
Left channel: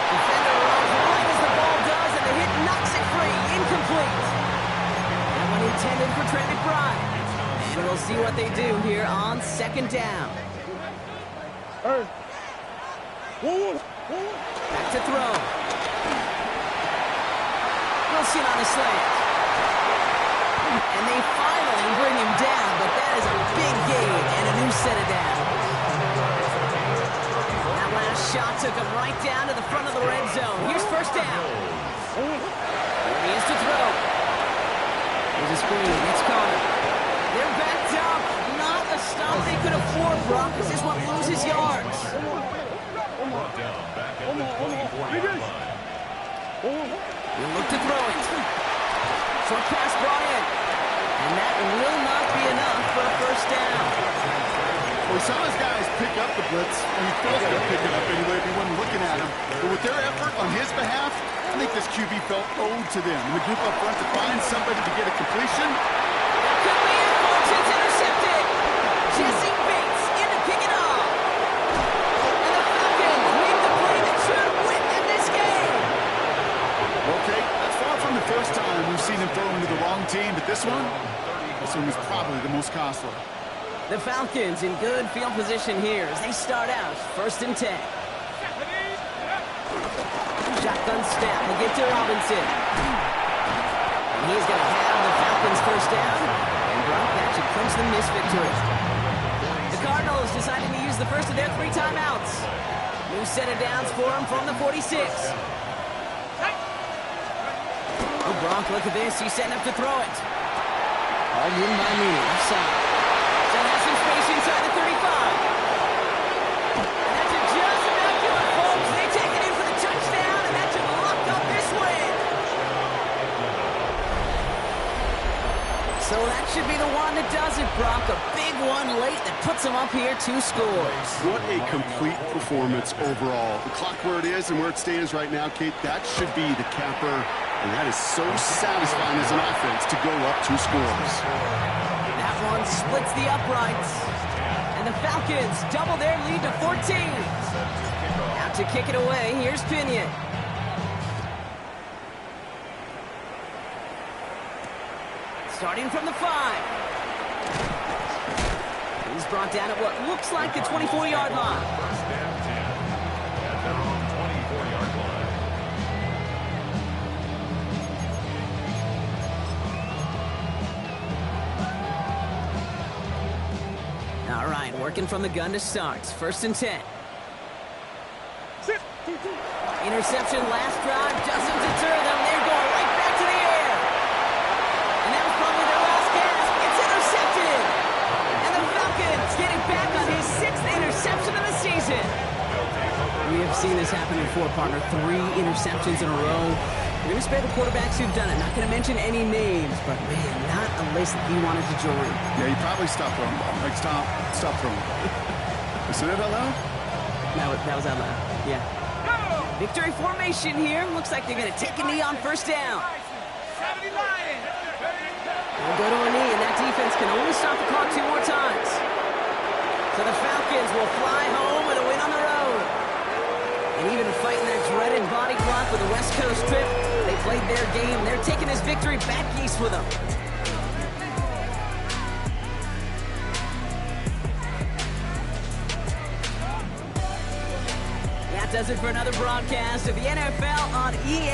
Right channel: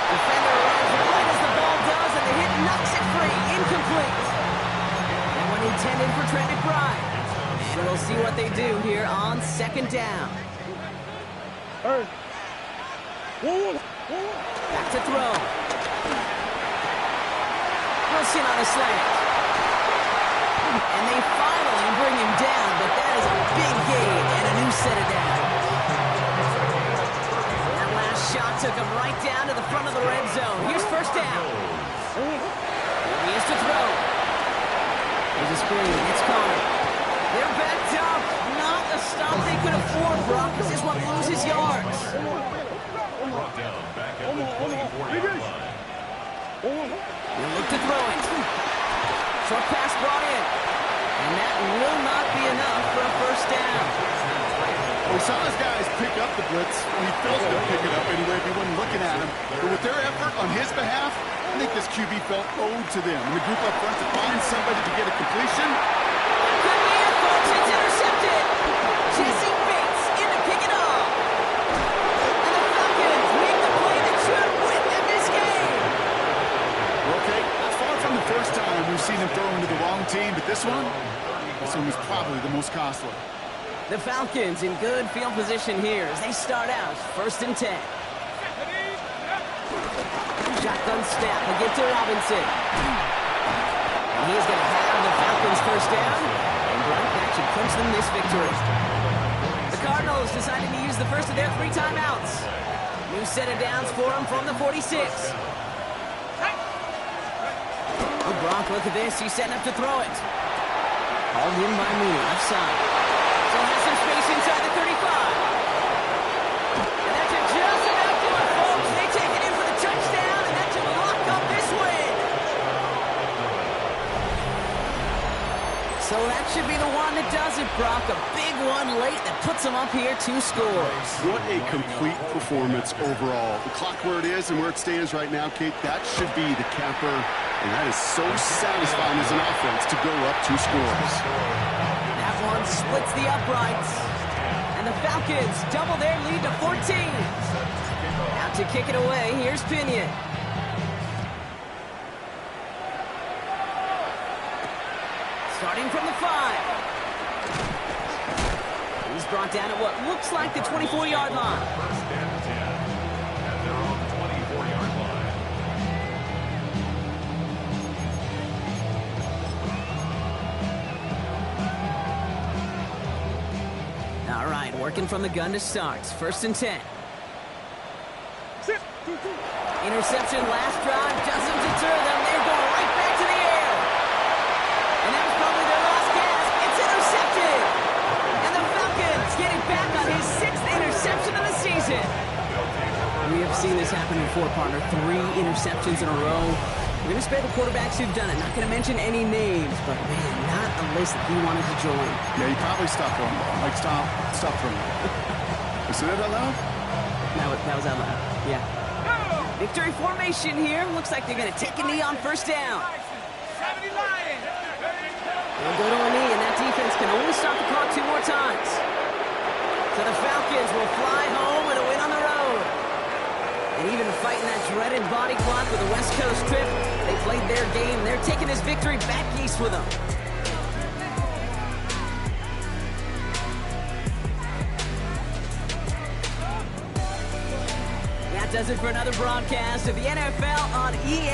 Defender runs right as the ball does, and the hit knocks it free. Incomplete. That one intended for Trent McBride. And we'll see what they do here on second down. Back to throw. Wilson on a slant. And they finally bring him down, but that is a big gain and a new set of downs. That last shot took him right down to the front of the red zone. Here's first down. Here he is to throw. Here's a screen. It's Connor. They're backed up. Not a stop they could afford, Brock, because this one loses yards. Brought down back at the 24-yard line. He'll look to throw it. Short pass brought in. And that will not be enough for a first down. Well, we saw his guys pick up the blitz. Well, he felt to pick it up anyway if he wasn't looking at him. But with their effort on his behalf, I think this QB felt owed to them. And the group up front to find somebody to get a completion. That could be it, folks. It's intercepted. Jesse Bates in to pick it off. And the Falcons make the play that should win them this game. Okay, that's far from the first time we've seen him throw into the wrong team, but this one was probably the most costly. The Falcons in good field position here as they start out first and 10. Shotgun snap, a get to Robinson. And he is going to have the Falcons first down. And Brock, that should clinch them this victory. The Cardinals deciding to use the first of their 3 timeouts. New set of downs for them from the 46. Oh, Brock, look at this. He's setting up to throw it. Hauled in by Mooney, left side. So has some space inside the 35. And that's just about do it, folks. They take it in for the touchdown. So that should be the one that does it, Brock. A big one late that puts them up here 2 scores. What a complete performance overall. The clock where it is and where it stands right now, Kate, that should be the capper. And that is so satisfying as an offense to go up 2 scores. That one splits the uprights. And the Falcons double their lead to 14. Out to kick it away, here's Pinion. Starting from the 5. He's brought down at what looks like the 24-yard line. First and 10 at their own 24-yard line. All right, working from the gun to start. First and 10. Interception last drive doesn't deter them. They're going right back to the air. And that was probably their last gasp. It's intercepted. And the Falcons get it back on his 6th interception of the season. We have seen this happen before, partner. 3 interceptions in a row. We're going to spare the quarterbacks who've done it. Not going to mention any names, but, man, not a list that he wanted to join. Yeah, he probably stopped throwing the ball. Like, stop throwing the ball. You said that out loud? That was out loud, yeah. Victory formation here. Looks like they're going to take a knee on first down. They'll go to a knee, and that defense can only stop the clock 2 more times. So the Falcons will fly home with a win on the road. And even fighting that dreaded body clock with a West Coast trip, they played their game. They're taking this victory back east with them. That does it for another broadcast of the NFL on EA.